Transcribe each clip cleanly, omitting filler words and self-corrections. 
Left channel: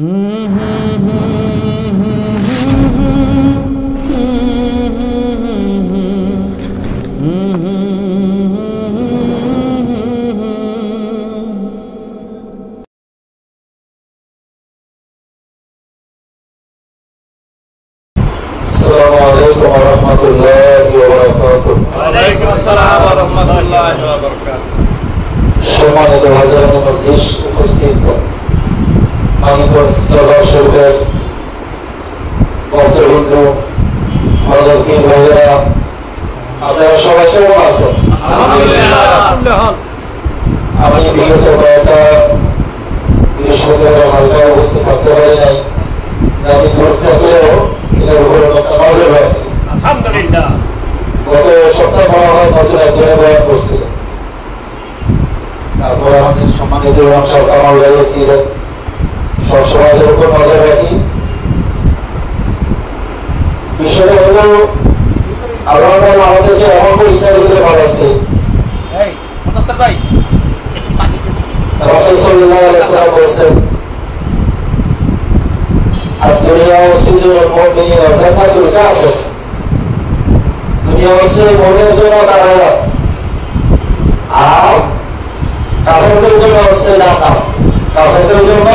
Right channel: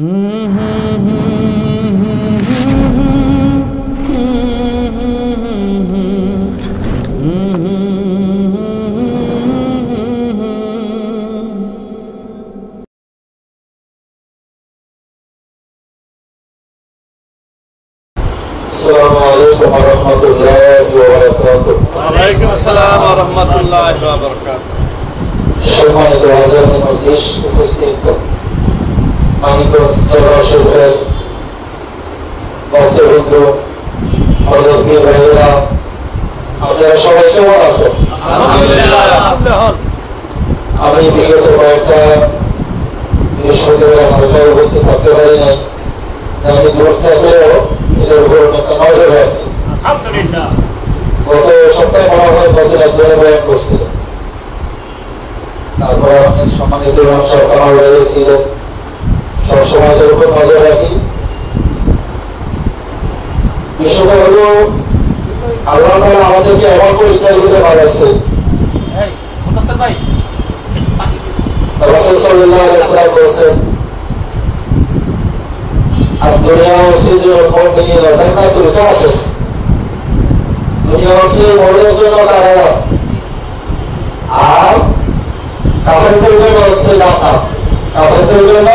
السلام عليكم ورحمة الله وبركاته. وعليكم السلام ورحمة الله وبركاته. সম্মানিত হাজারান মজলিস উপস্থিত মানিকগঞ্জ দরবার শরীফের ভক্তবৃন্দ, মুরব্বী ভাইয়েরা, আপনারা সবাই কেমন আছেন? আলহামদুলিল্লাহ। আমি বিগত কয়েকটা বৃহস্পতিবার হালকায় উপস্থিত থাকতে পারি নাই। আমি দূর থাকলেও এদের উপর একটা নজর রাখছি। গত সপ্তাহে মনে হয় নতুন একজনে বয়ান করছিলেন। তারপরে আমাদের সম্মানিত সরকার ছিলেন। সবসময় এদের উপর নজর রাখি। বিষয়টা হল আল্লাহ তাআলা আমাদেরকে এমন পরীক্ষার ভিতরে বাড়াচ্ছে। রাসূল সাল্লাল্লাহু আলাইহি ওয়াসাল্লাম বলেছেন, আর দুনিয়া সিজুল মুমিনিন জান্নাতুল কাফির। দুনিয়া হচ্ছে মুমিনের জন্য কারাগার, আর কাফেরদের জন্য হচ্ছে জান্নাত। কাফেরদের জন্য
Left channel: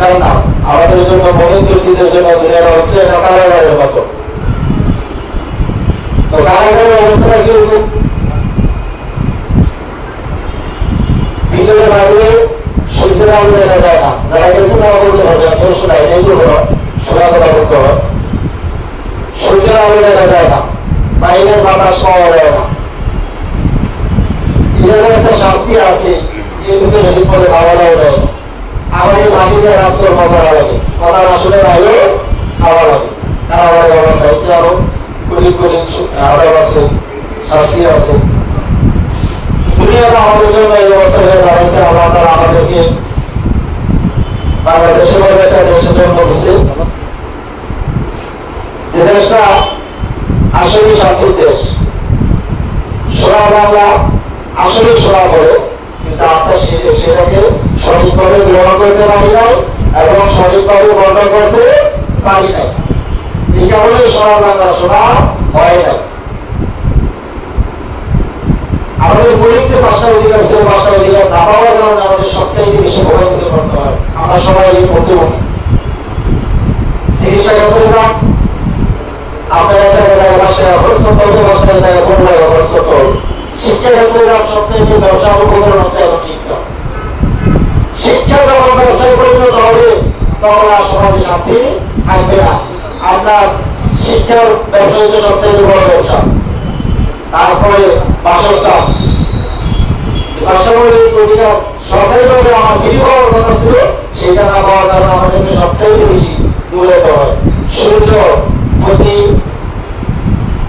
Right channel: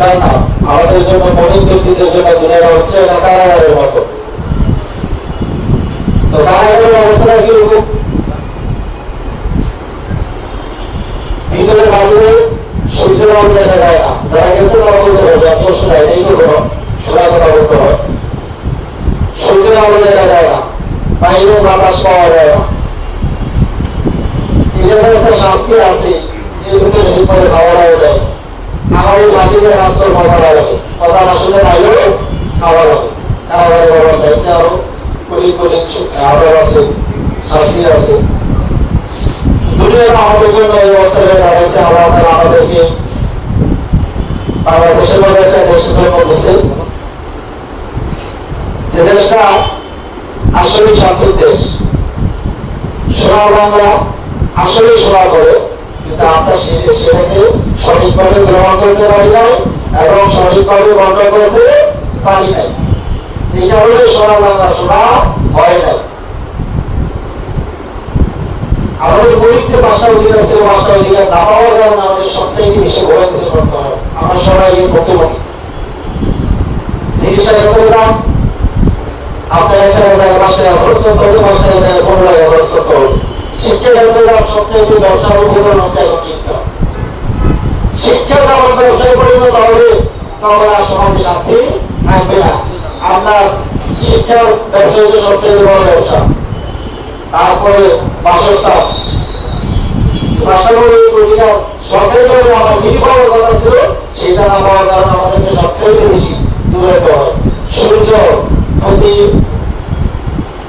জান্নাত, আমাদের জন্য মুমিন ব্যক্তিদের জন্য দুনিয়া হচ্ছে এটা কারাগারের মতো। তো কারাগারের অবস্থাটা কিরকম? ভিতরে বাইরে সূর্যের আলো দেখা যায় না। যারা গেছে তারা বলতে পারবে, আমি শোনাই এই করবো না, শোনা কথা বলতে হবে। সূর্যের আলো দেখা যায় না, বাইরের বাতাস পাওয়া যায় না। এদের একটা শাস্তি আছে, যে ভিতরে এই পদে খাওয়াটাও দেয়। আমার এই মাটিদের রাস্তার কথা লাগে, কথা আসলে বাইরে খাওয়া লাগে। কারাগারের ব্যবস্থা হচ্ছে আরো কোটি কোটি আদাব আছে, শাস্তি আছে। দুনিয়ার আমাদের জন্য এই অবস্থা হয়ে দাঁড়িয়েছে। আল্লাহ তাআলা আমাদেরকে বাংলাদেশের মতো একটা দেশের জন্ম দিয়েছে, যে দেশটা আসলে শান্তির দেশ। সোনা বাংলা আসলে সোনা করে, কিন্তু আমরা সেটাকে সঠিকভাবে গ্রহণ করতে পারি নাই এবং সঠিকভাবে বন্ধ করতে পারি নাই। এই কারণে সোনা বাংলা সোনা হয় নাই। আমাদের মৌলিক যে 5টা অধিকার আছে, 5টা অধিকার না পাওয়ার কারণে আমাদের সবচেয়ে বেশি ভোগান্তি করতে হয়। আমরা সবাই এর মুখোমুখি। চিকিৎসা ক্ষেত্রে যান, আপনার একটা জায়গায় 5 টাকা খরচ করতে হবে, 5 টাকা জায়গায় 15 টাকা খরচ করতে হবে। শিক্ষা ক্ষেত্রে যান, সবচেয়ে ব্যবসা উপকরণ হচ্ছে এখন শিক্ষা। শিক্ষা যখন ব্যবসায় পরিণত হবে, তখন আর সমাজে শান্তি থাকবে না। আপনার শিক্ষার ব্যবসা হচ্ছে সবচেয়ে বড় ব্যবসা। তারপরে বাসস্থান, বাসামৌলিক অধিকার সরকারিভাবে আমার ফিরি পাওয়ার কথা ছিল, সেটা না পাওয়ার কারণে আমাদেরকে সবচেয়ে বেশি দূরাইত হয়। সূর্য প্রতি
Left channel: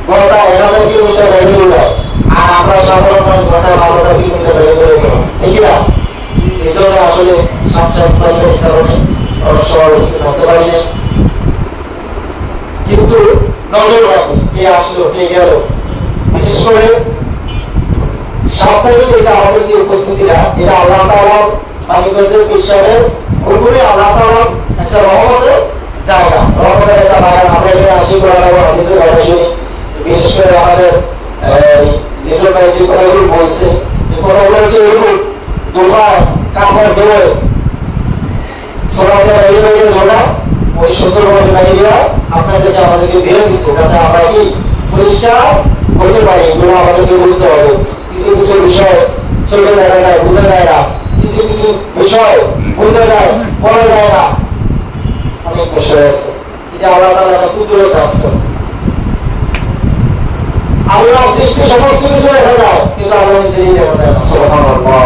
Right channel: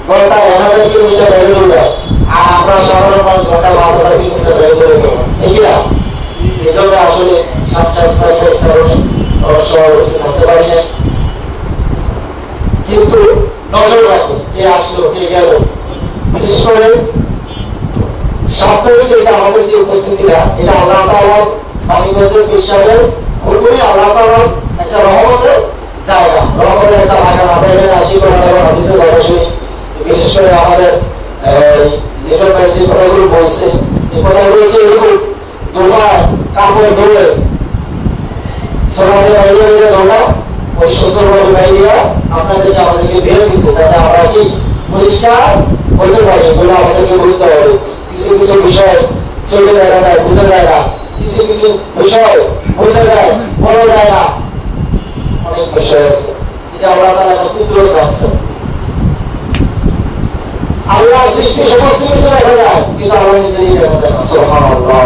ঘন্টায় 1000 কিলোমিটার বেড়ে যায়, আর আমরা সাধারণ মানুষ ঘন্টায় 5000 কিলোমিটার বেড়ে চলে যাব, ঠিক না? এই জন্য আসলে সাক্ষাৎ কারণে অনেক সময় করতে পারি না। কিন্তু নজর রাখি, কে আসলো কে গেল। বিশেষ করে সাপ্তাহিক আমাদের যে উপস্থিতিরা, এটা আল্লাহ তাআলার মানিকগঞ্জের বিশ্বাসের পুরোপুরি আল্লাহ তাআলার একটা রহমতের জায়গা, রহমতের একটা বাগান। আমরা এখানে আসি করে হাদিসের কথা শুনি। বিশেষ করে আমাদের লিটন ভাই যে কথাগুলো বলছে, এই কথাগুলো হচ্ছে এরকম দোকান কাপড় ধুয়ে সোনাতে বাইরে বাইরে ধোনা, ওই সুন্দরভাবে বাইরিয়া আপনাদেরকে আমাদেরকে ধুয়ে দিচ্ছে, যাতে আমরা কি পরিষ্কার বলতে পারি। এগুলো আমাদেরকে বুঝতে হবে। কিছু কিছু বিষয় চলে যায় না, বুঝে যায় না। কিছু কিছু বিষয় বুঝে যায়, বলা যায় না। অনেক বিষয় আছে, এটা আল্লাহ তাআলা একটা কুদরত আছে। আল্লাহ সৃষ্টি সমস্ত কিছু দেখা যায়, কিন্তু আল্লাহ নিজেই দেখা যায় না। সুবহানাল্লাহ।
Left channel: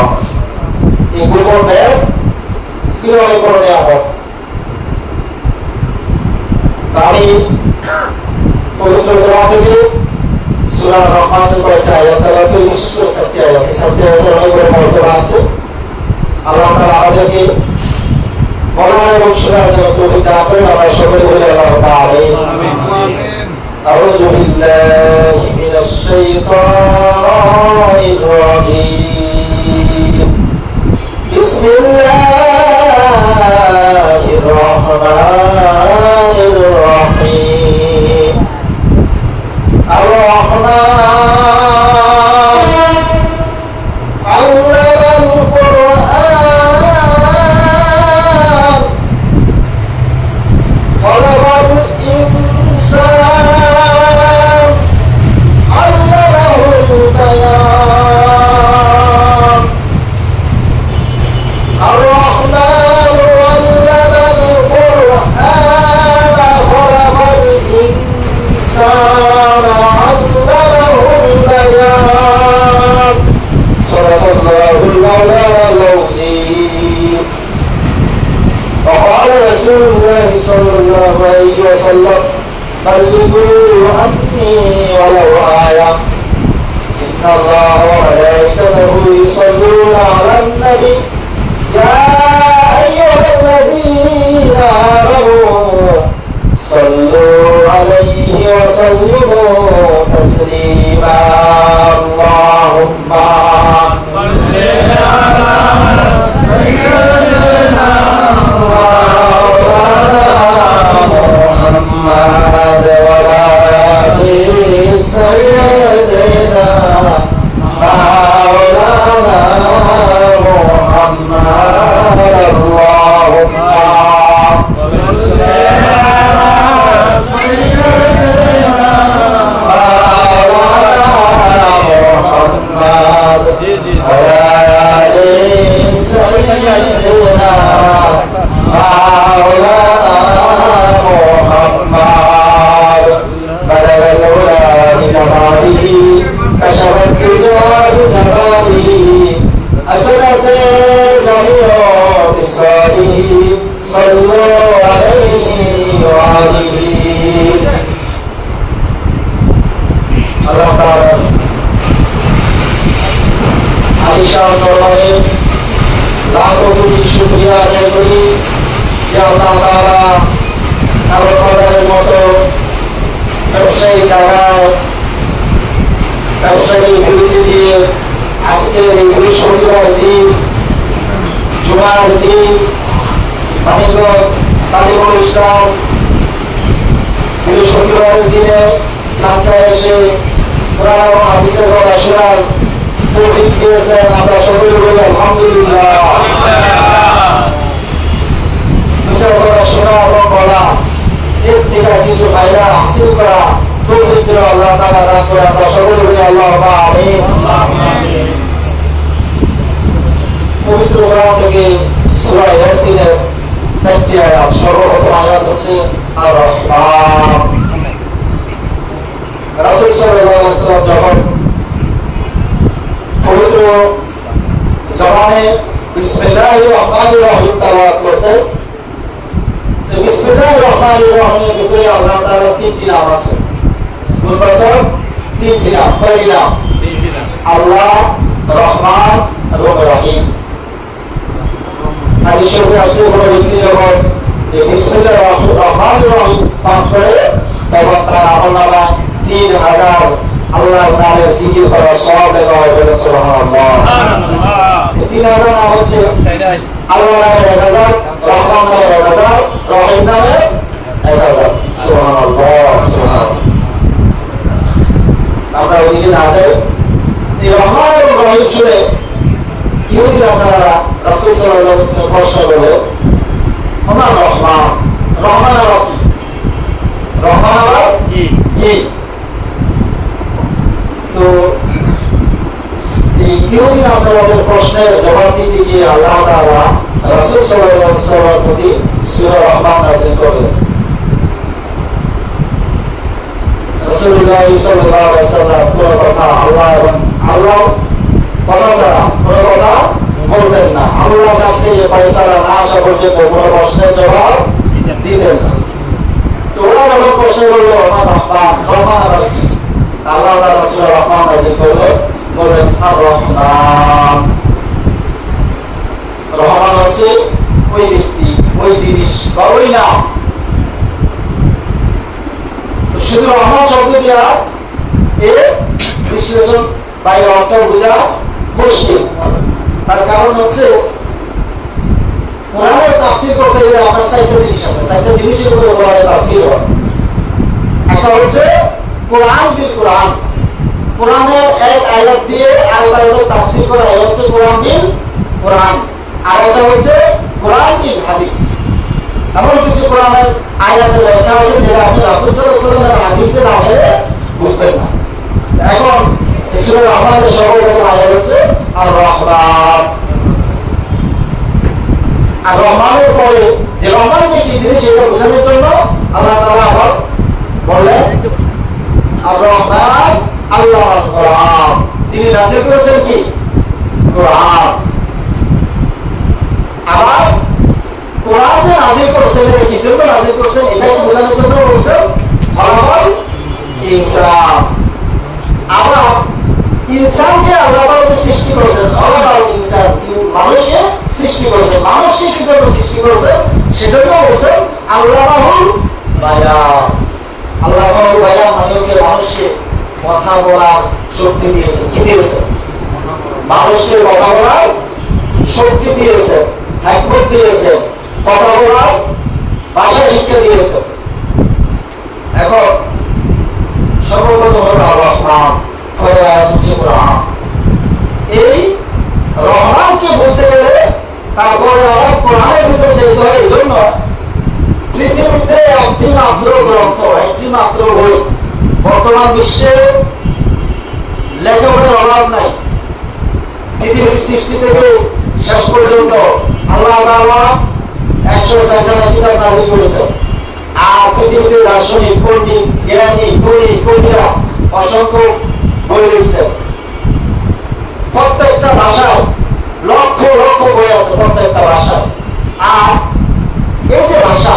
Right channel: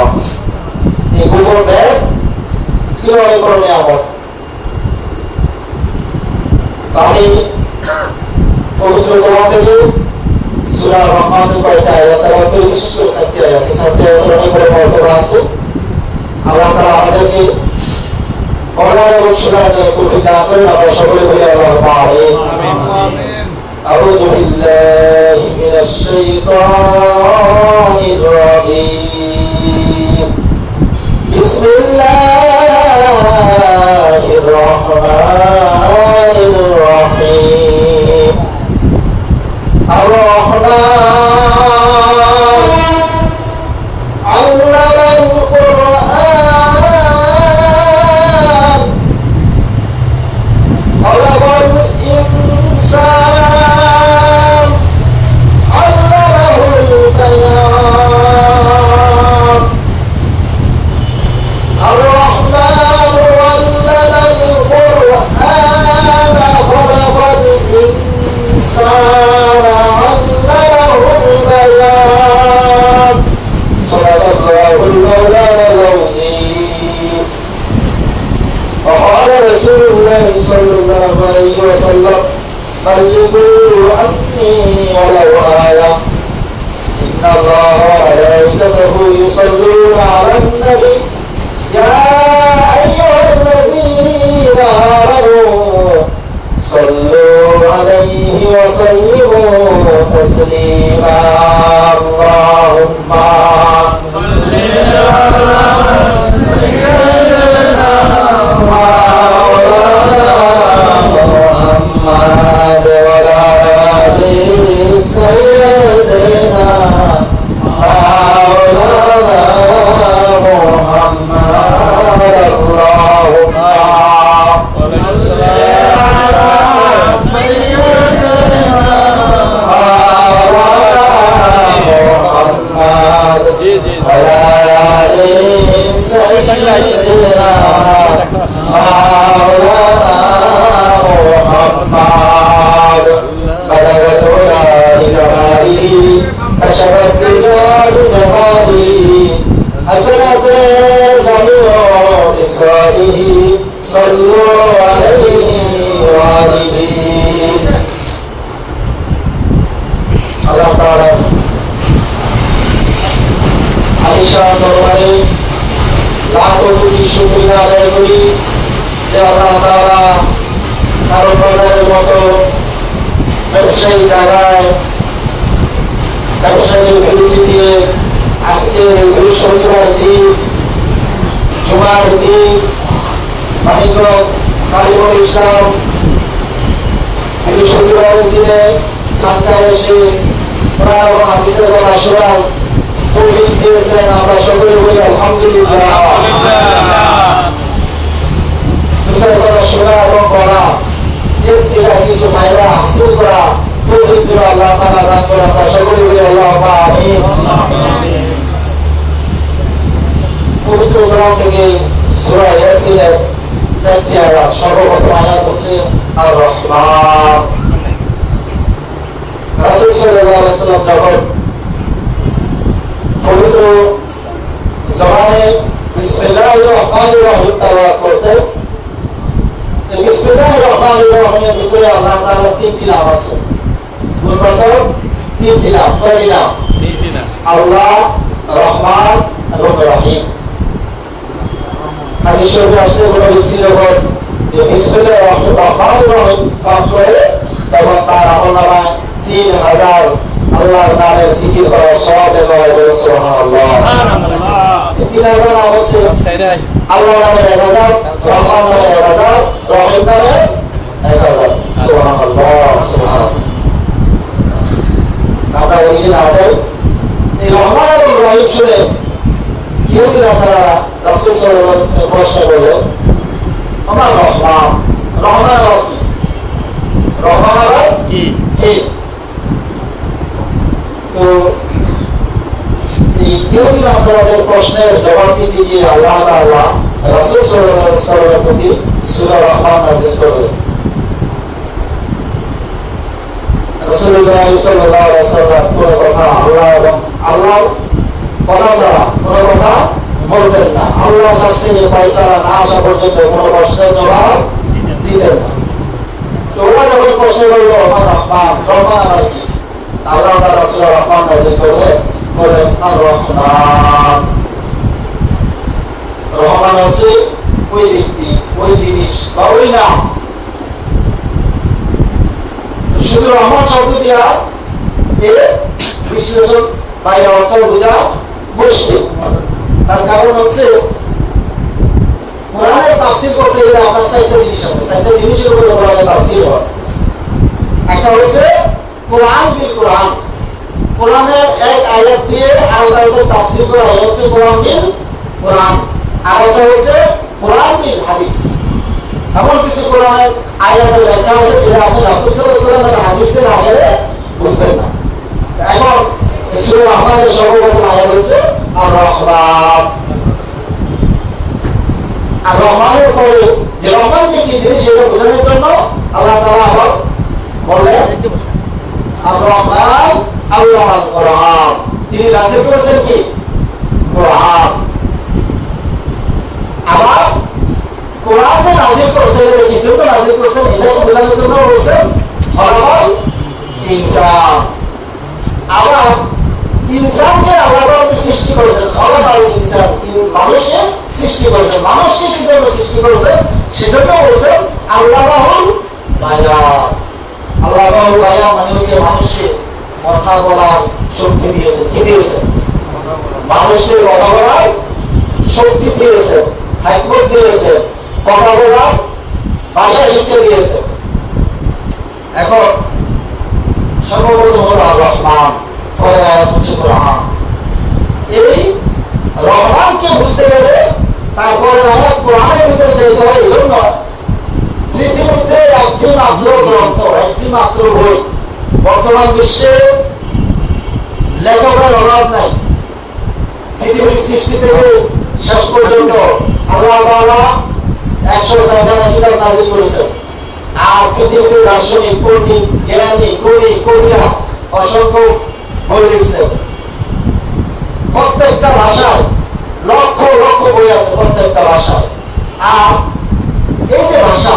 এই গোপন ব্যাগ কি অনেক বড় নিয়ামত। আমি পবিত্র কোরআন থেকে সূরা রহমানের কয়েকটা আয়াত তালাওয়াত, বিশেষ করে 7টি আয়াত। এই 7টি আয়াতে অনেক বড় মর্যাদা আছে। আল্লাহ তাআলা আমাদেরকে বলার এবং শোনার জন্য তৌফিক দান করেন। আমরা সকলে বলি আল্লাহুম্মা আমিন। আউযু বিল্লাহি মিনাশ শাইতানির রাজীম। বিসমিল্লাহির الرحمن الرحيم الرحمن علم القرآن خلق الإنسان علمه البيان الرحمن علم القرآن خلق الإنسان علمه البيان صدق الله المولى العظيم وقال رسول الله صلى الله عليه وسلم بلغوا عني ولو آية إن الله وملائكته يصلون على النبي يا أيها الذين آمنوا صلوا عليه وسلموا تسليما اللهم صل على سيدنا محمد وعلى آل سيدنا مولانا محمد اللهم صل على سيدنا محمد وعلى آل سيدنا مولانا محمد بلغ العلا بكماله كشف الدجى بجماله أسرت جميع بإسرائه صلوا عليه وآله الله تعالى আয়েশা দরবারে লাখো কোটি শুকরিয়া আদায় করি যে আল্লাহ তাআলা কারো প্রদানের মতো ব্যবসায়ী জায়গায় ব্যবসায়ী বিরতি দিয়ে আজকে এই বৃহস্পতিবার দিন জুমার দিন মানিকগঞ্জ তালিমুল ইসলাম বৃহস্পতিবার দিনে ঢাকায় এসে কোরআন এবং হাদিসের কথা শোনার তৌফিক দিয়েছেন আমরা সকলে বলি আলহামদুলিল্লাহ বিষয় কথা শোনা এবং বলা এর থেকে কিছু ফায়দা হাসিল করা তৌফিক দিল আল্লাহ তাআলা দান করে আমরা সকলে বলি আল্লাহুম্মা আমিন পবিত্র কোরআন থেকে সূরা ইয়াসিনের 4টি আয়াত সর্বপ্রথম আয়াত হচ্ছে আর রহমান রাসূল সাল্লাল্লাহু আলাইহি ওয়াসাল্লাম যখন পবিত্র জবানে বিসমিল্লাহির রহমানির রহিম তেলাওয়াত করতেন বিসমিল্লাহির রহমানির রহিমের ভিতরে আল্লাহ তাআলা তিনটি নাম আছে মুফাসসার তিনটি নাম কয়টি নাম আল্লাহ রহমান এবং রহিম হাদিস শরীফে আসলে কোনো ব্যক্তি যখন বিসমিল্লাহির রহমানির রহিম পাঠ করে তখন তার আমলনামায় 3000 আল্লাহ নামের জিকির করার সওয়াব দেওয়া হবে সুবহানাল্লাহ 3000 নাম হচ্ছে আল্লাহ নামের 1000 রহমান নামের 1000 রহিম নামের 1000 সুবহানাল্লাহ সুবহানাল্লাহ আমরা ওইদিকে না যাই এই রহমান এবং রহিম শুনে ইহুদি নাসারারা রাসূল সাল্লাল্লাহু আলাইহি ওয়াসাল্লাম প্রশ্ন করলেন আমার রহমান রহমান আবার কি রহমান আবার কি তো এই ইহুদি নাসারাদের প্রশ্নের জবাব দিতে গিয়ে আল্লাহ তাআলা রাসূল সাল্লাল্লাহু আলাইহি ওয়াসাল্লামের প্রতি সূরা রহমান নাযিল করলেন রাসূলুল্লাহ সাল্লাল্লাহু আলাইহি ওয়াসাল্লাম কোন কথা আল্লাহ এবং আল্লাহ কথা ছাড়া কোন কথা বলতেন না আল্লাহর কাছে ফয়সালা না আসা পর্যন্ত কোন প্রশ্নের জবাব দিতেন না তো ওরা যখন প্রশ্ন করলো আমার রহমান রহমান আবার কি আল্লাহ তাআলা সূরা রহমান নাযিল করলেন বলেন আর রহমান রহমান হচ্ছে ওই ব্যক্তি ওই জিনিস বা ওই নাম শুধু রহমান শব্দ দিয়া এর বিশ্লেষণ বা এর অর্থ বোঝা মুশকিল তার কারণ হচ্ছে কোরআনের তাফসীর করতে গেলে আপনার 4টা জিনিস আছে, 4টা জিনিসের উপরে কোরআনের তাফসীর হয়। একটা হচ্ছে কোরআন বিল কোরআন, কোরআনের এক আয়াত দিয়ে আরেক আয়াতের তাফসীর করা হয়, হচ্ছে কোরআন বিল কোরআন। আর একটা হচ্ছে কোরআন বিল হাদিস। এমন কিছু কোরআনের আয়াতের ব্যাখ্যা আছে যেটা আপনি রাসূল সাল্লাল্লাহু আলাইহি ওয়াসাল্লামের হাদিসে না গেলে বুঝবেন না। এখন সূরা রহমানের সর্বপ্রথম আয়াত হচ্ছে আর রহমান। আর রহমানের পরে যে রহমান যে কি জিনিস সেটা বোঝানোর জন্য আল্লাহ তাআলা আবার বললেন আর রহমান আল্লামাল কোরআন, তিনি নাযিল করেছেন কি কোরআন। আবার কোরআন যে নাযিল করেছেন এটা কি জন্য নাযিল করেছেন এটাকে বোঝানোর জন্য বলছেন খলাকাল ইনসান। আবার ইনসানকে আল্লাহ তাআলা সৃষ্টি করেছেন, খলাকাল ইনসান, মানুষকে সৃষ্টি করেছেন। মানুষকে কি জন্য সৃষ্টি করেছেন সেজন্য বলছেন আল্লামাহুল বায়ান। আল্লামাহুল বায়ান মানে হচ্ছে মানুষকে কথা বলার শক্তি দিয়েছেন। কি দিয়েছেন? মানুষকে কথা বলার শক্তি দিয়েছেন, হিকমত দিয়েছেন, কথা বলার ভাষা শিক্ষা দিয়েছেন। এখন সর্বপ্রথম হল রহমান, পরে আয়াত হচ্ছে কোরআন। এই রহমানকে বুঝতে গেলে তারপরে আয়াত কোরআনের ভিতরে যেতে হয়। এই জন্য পৃথিবীতে একটি মাত্র গ্রন্থ, একটি মাত্র বই, বর্তমান বিশ্বে লেখকের অভাব নাই। পৃথিবীর সৃষ্টি থেকে শেষ পর্যন্ত আল্লাহ তাআলা 104 কিতাব নাযিল করেছেন। আর পৃথিবীতে দার্শনিক, পণ্ডিত, জ্ঞানী, কবি, কবিরা অসংখ্য বই লিখছেন। প্রত্যেকটা ভাষায় লক্ষ লক্ষ বই আছে, প্রত্যেকটা ভাষায়। আর এই যে ভাষা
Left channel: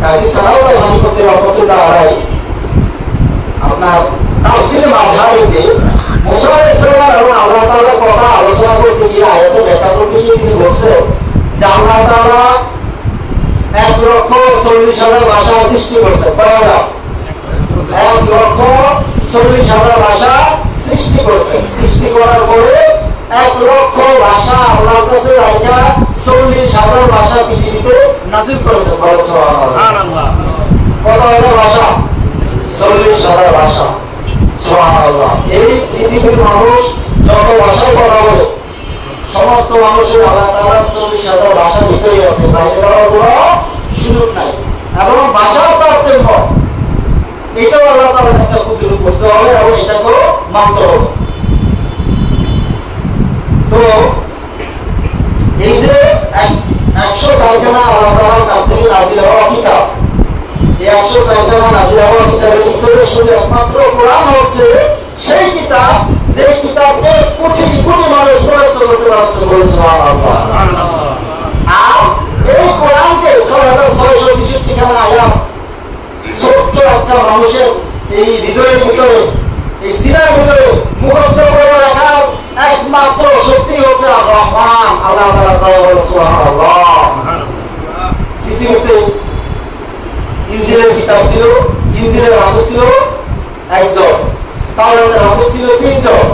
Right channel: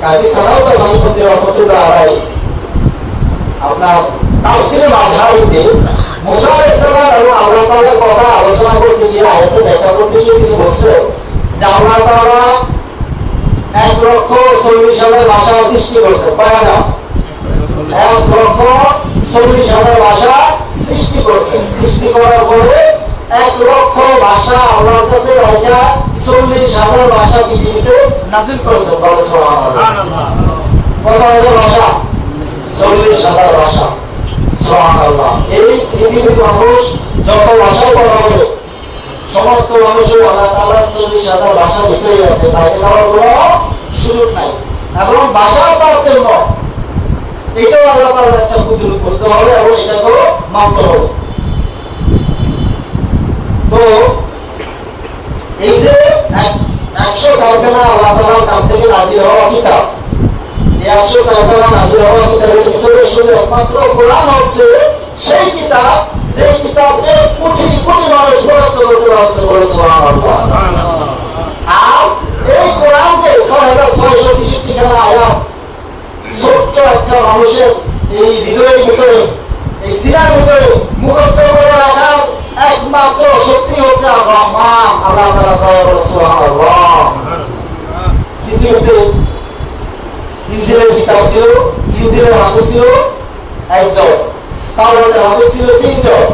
কাজী সালাউদ্দিন হানিফুদ্দিন রহমতুল্লাহ আলাইহি আপনার তাফসীরে মাযহারিতে মুসা আলাইহিস সালাম এবং আল্লাহ তাআলার কথা আলোচনা করতে গিয়ে আয়াতে ব্যাখ্যা করতে গিয়ে তিনি বলছেন যে আল্লাহ তাআলা 1,40,000 ভাষা সৃষ্টি করেছেন। কয় হাজার? 1,40,000 ভাষা সৃষ্টি করেছেন। সৃষ্টি করার পরে 1,00,000 ভাষা আল্লাহর কাছে রাখা 40,000 ভাষা পৃথিবীতে নাযিল করেছেন। বলে সুবহানাল্লাহ। কত হাজার ভাষা? 40,000 ভাষা। সুবহানাল্লাহ। এই পৃথিবীর মানুষ যত ভাষায় কথা বলে সমস্ত মানুষের আল্লাহ তাআলা 40,000 ভাষার ভিতরে আছে, বাইরে যাওয়ার কোনো সুযোগ নাই। এবং ভাষার তারতম্য এটাও আল্লাহ তাআলার একটা কুদরত বুঝতে হবে এবং এটাকেও মানতে হবে। তো এই যে 104 খানা আল্লাহ তাআলার কাছ থেকে নাযিল হওয়া কিতাব, এই 104 নাযিল হওয়া কিতাবের ভিতরে শুধু একমাত্র কোরআন হচ্ছে সেই কিতাব যে কিতাবকে কোটি কোটি মানুষ মুখস্থ করতে পারছে। বলে সুবহানাল্লাহ। আর এই কোরআনকে 6,663 খানা আয়াত ছোট্ট একটা মানুষের এই হৃদয়ের ভিতরে, এই সিনার ভিতরে মুখস্থ করে রাখার একমাত্র শক্তি হচ্ছে রহমান, আল্লাহ তাআলা। বলে সুবহানাল্লাহ। পৃথিবীতে ইনজিলের কিতাব ছিল, ইনজিলের হাফেজ ছিল একজন, তাওরাতের হাফেজ ছিল 3 জন।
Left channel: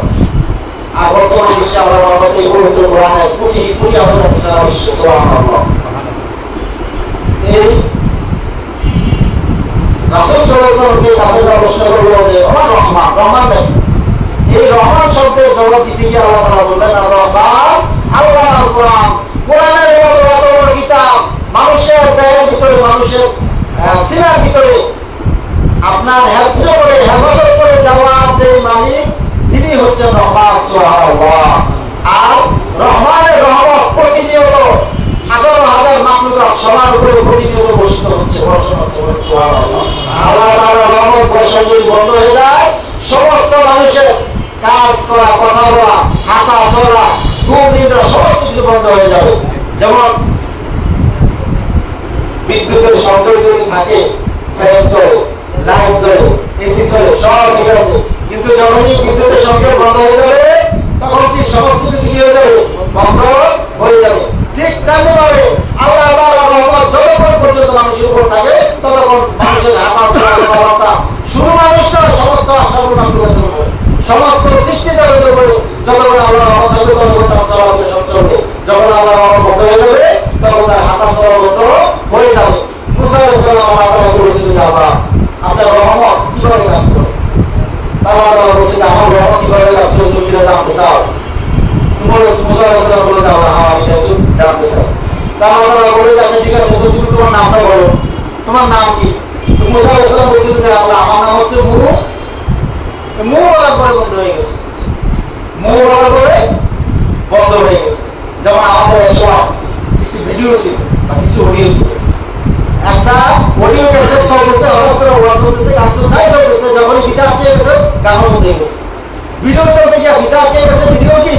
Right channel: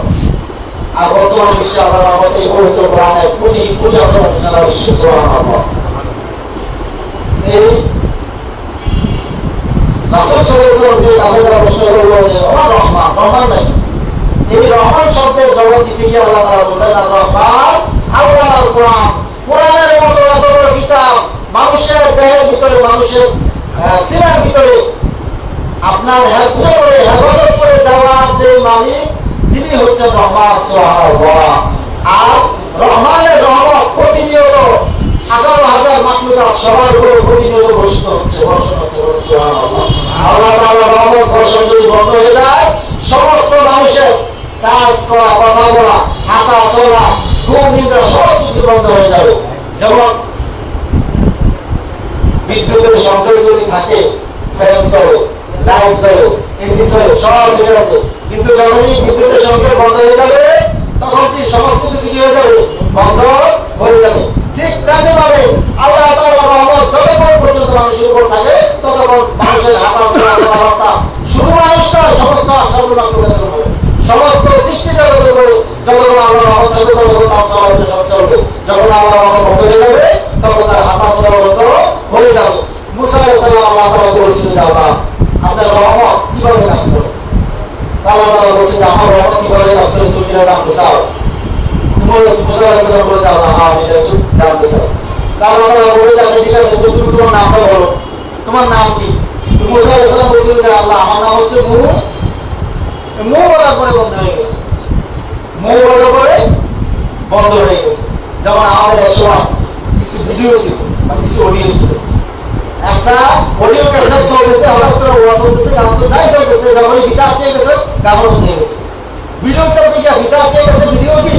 আর বর্তমান বিশ্বে আল্লাহর রহমতে এই পবিত্র কোরআনে কোটি কোটি হাফেজ আছে সারা বিশ্বে। সুবহানাল্লাহ। এই রাসূল সাল্লাল্লাহু আলাইহি ওয়াসাল্লামকে কাফেররা প্রশ্ন করল যে আমার রহমান, রহমান নাই। এই রহমান শব্দের জবাব দিতে গিয়ে আল্লাহ তাআলা বললেন আর রহমান আল্লামাল কোরআন। কোরআনের মতো এত বড় কিতাব মানুষের দেহের ভিতরে, মানুষের সিনার ভিতরে আপনার হেফাজত করে দেওয়ার যে মালিক তিনি হচ্ছেন রহমান। সুবহানাল্লাহ। আর রহমানের রহমত প্রতিনিয়ত 18,000 মাখলুকাত সবার উপরে প্রতিনিয়ত বর্ষিত হচ্ছে, বর্ষণ হচ্ছে। আল্লাহ তাআলার রহমত বর্ষণ যদি বন্ধ হয়ে যায় সমস্ত মানুষের কাজ করা, কথা বলা, হাঁটা চলা, ঘুম নিদ্রা সমস্ত কিছু বন্ধ হয়ে যাবে। যেমন বিদ্যুতের সংযোগ যদি থাকে, ফ্যান চলে, লাইট চলে, এসি চলে, সব ঠিক আছে। কিন্তু যখনই বিদ্যুতের সংযোগ বন্ধ হয়ে যাবে তখন কি সমস্ত কিছু কি হয়ে যাবে? বন্ধ হয়ে যাবে। ঠিক তেমনি ভাবে আল্লাহ তাআলার রহমত যতক্ষণ পর্যন্ত মানুষের উপর থাকে ততক্ষণ মানুষের হাঁটা চলাফেরা, শুধু মানুষ নয় সমস্ত সর্বমাত্রের উপরে, সমস্ত সৃষ্টি জগতের উপরে যতক্ষণ আল্লাহর রহমত থাকবে ততক্ষণ তার চলাফেরা সব চলবে। যখন আল্লাহর রহমত বন্ধ হয়ে যাবে চাও? মুসা আলাইহিস সালাম বলে যে আল্লাহ আমি এটা একটু জানতে চাই। আল্লাহ তাআলা বলে যে আচ্ছা ঠিক আছে, তো তুমি তোমার নামটা বলো, তোমার নাম কি? মুসা আলাইহিস সালাম বলছিল যে আল্লাহ আমার নাম হচ্ছে মু বলার পরে বন্ধ হয়ে গেছে, মু বলার পরে বন্ধ হয়ে গেছে। যেমন আমাদের এক সময় কিছু ভিডিও ছিল বা কিছু অডিও ছিল, একটা অডিও ক্যাসেট চলতেছে, হঠাৎ করে ওয়াজ চলতেছে, গান যাই চলতেছে, যখনই ফিতা আটকে গেছে গান বন্ধ হয়ে গেছে। ভিডিও চলতে গিয়ে ফিতা আটকে গেছে, ভিডিও কি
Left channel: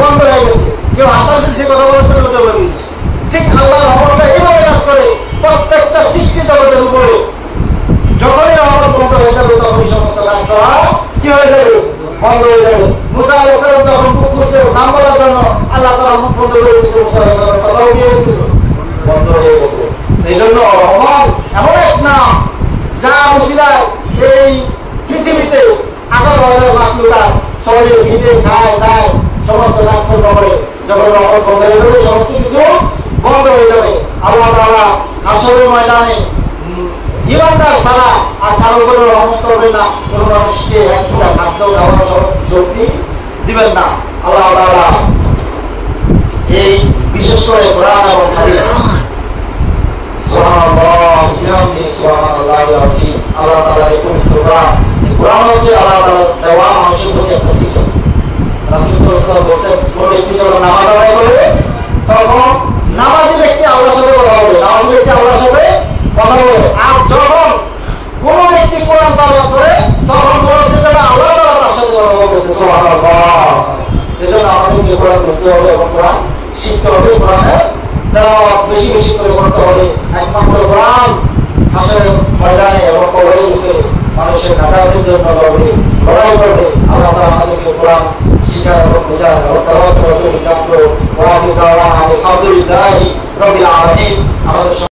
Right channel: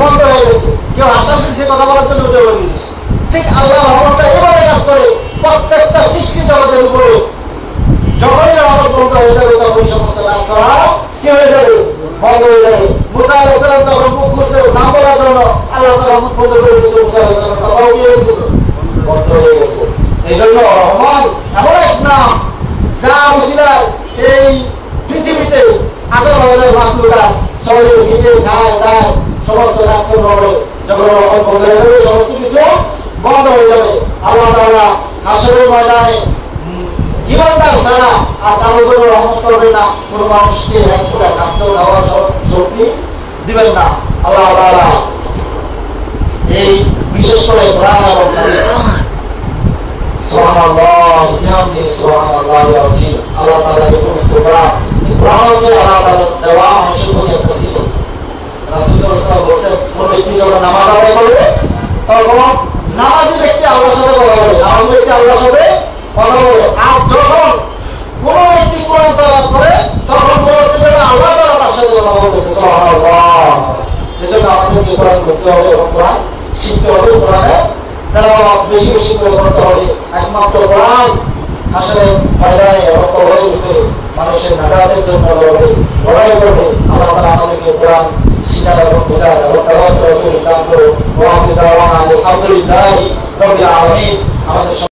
বন্ধ হয়ে গেছে, কেউ হাসান সে কথা বলার জন্য উঠে বলে দিয়েছে। ঠিক আল্লাহর রহমতটা এভাবে কাজ করে প্রত্যেকটা সৃষ্টি জগতের উপরে। যখনই রহমত বন্ধ হয়ে যাবে তখনই সমস্ত কাজ করা কি হয়ে যাবে, বন্ধ হয়ে যাবে। মুসা আলাইহিস সালাম যখন মুখ খুলছে নাম বলার জন্য, আল্লাহ তাআলা রহমত বন্ধ করে দিয়েছে, মুসা আলাইহিস সালামের কথাও কি হয়ে গেছিল, বন্ধ হয়ে গেছে। এই জন্য রহমান এমন এক নাম যা উসিলায় এই পৃথিবীতে 18,000 মাখলুকাত সবাই ভিড়ে খায় দায় সমস্ত কাজকর্ম করে। যখন রহমত বন্ধ হয়ে যাবে সমস্ত কিছু বন্ধ হয়ে যাবে। আল্লাহ তাআলা হাসরের ময়দানে ইমানদার ছাড়া আর কারো কোনো রহমত করবে না, কোনো মানুষকে এক ফোঁটা খাদ্য খাওয়ার শক্তি দিবেন না। আল্লাহ তাআলা এই বিশেষ করে কোরআন এবং হাদিস সুবহানাল্লাহ বিহামদিহি সুবহানাল্লাহিল আযীম, আল্লাহ তাআলা এই পবিত্র কোরআন, কোরআন হচ্ছে আল্লাহ তাআলা দেওয়া মানুষের প্রতি একটা শিক্ষা। রাসূল সাল্লাল্লাহু আলাইহি ওয়াসাল্লাম বলেছেন কোন ব্যক্তি যখন নামাজ আদায় করবে তখন নামাজি ব্যক্তি আল্লাহর সাথে কথা বলে, নামাজি ব্যক্তি আল্লাহর সাথে কথা বলে। আর যখন কোন ব্যক্তি কোরআন তেলাওয়াত করে তখন মনে হচ্ছে যে আল্লাহ তাআলা তার সাথে কথা বলতেছে। সুবহানাল্লাহ। এজন্য আমাদেরকে কোরআন বুঝতে হবে এবং কোরআন শিখতে হবে, কোরআনের তেলাওয়াত বেশি বেশি করে করতে হবে। একমাত্র কোরআন আসলে ময়দানে এবং কবরে উঠে মানুষের নাজাতের জন্য লড়াই করবে। আল্লাহ তাআলা আমাদেরকে কোরআন শিখায় এবং বোঝায় এবং তেলাওয়াত করার তৌফিক দান করুন। ওয়া আখিরু দাওয়ানা আলহামদুলিল্লাহি রাব্বিল আলামিন। আমাদের